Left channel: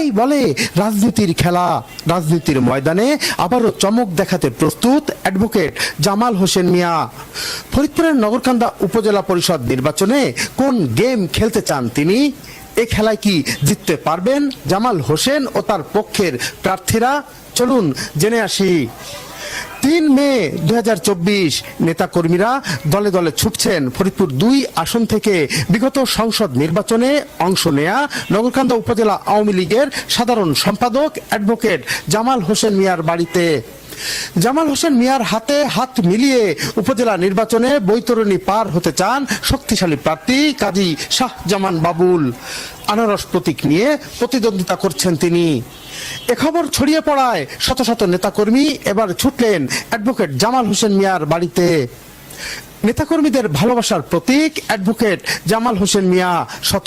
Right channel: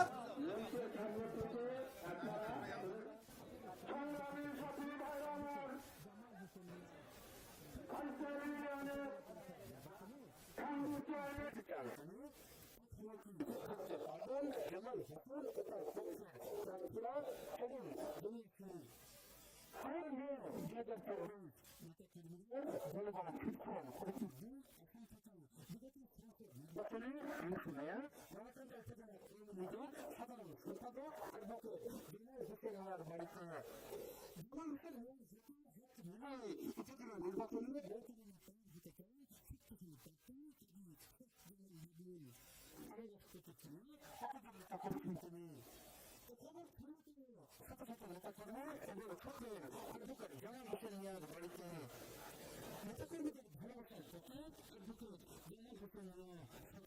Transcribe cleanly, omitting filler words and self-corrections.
অনেকেই বলে রাজনীতির খেলা, রাজনীতির ময়দানে আবারও চমক দেখাতে প্রস্তুত অ্যাডভোকেট জামাল হোসেন মিয়া। ফরিদপুরের নগরকান্দা উপজেলা পরিষদ নির্বাচনে কোন গেম খেলতে চান তিনি? এ খেলায় কি জিততে পারবেন জামাল হোসেন ও তার পক্ষের প্রার্থীরা? চলুন জেনে আসি। ৩ মে ২০২৪ নেতাকর্মীরা দলে দলে ছুটছেন ফরিদপুর ২ আসন থেকে বিগত সংসদ নির্বাচনে অংশ নেয়া নগরকান্দা উপজেলা আওয়ামী লীগের সাধারণ সম্পাদক অ্যাডভোকেট জামাল হোসেন মিয়ার বাড়িতে। জামাল হোসেন মিয়ার হাতে হাত মিলিয়ে উপজেলা নির্বাচনে বৈতরণী পার হতে চান শক্তিশালী প্রার্থী কাজী শাহজামান বাবুল। আনারস প্রতীক নিয়ে প্রতিদ্বন্দ্বিতা করছেন তিনি। এ খবর ছড়িয়ে পড়ায় শত শত নেতাকর্মী এবার ছুটলেন অ্যাডভোকেট জামাল হোসেন মিয়ার বাড়িতে। নেতাকর্মীদের ভালোবাসার প্রতীক অ্যাডভোকেট জামাল হোসেন মিয়া শত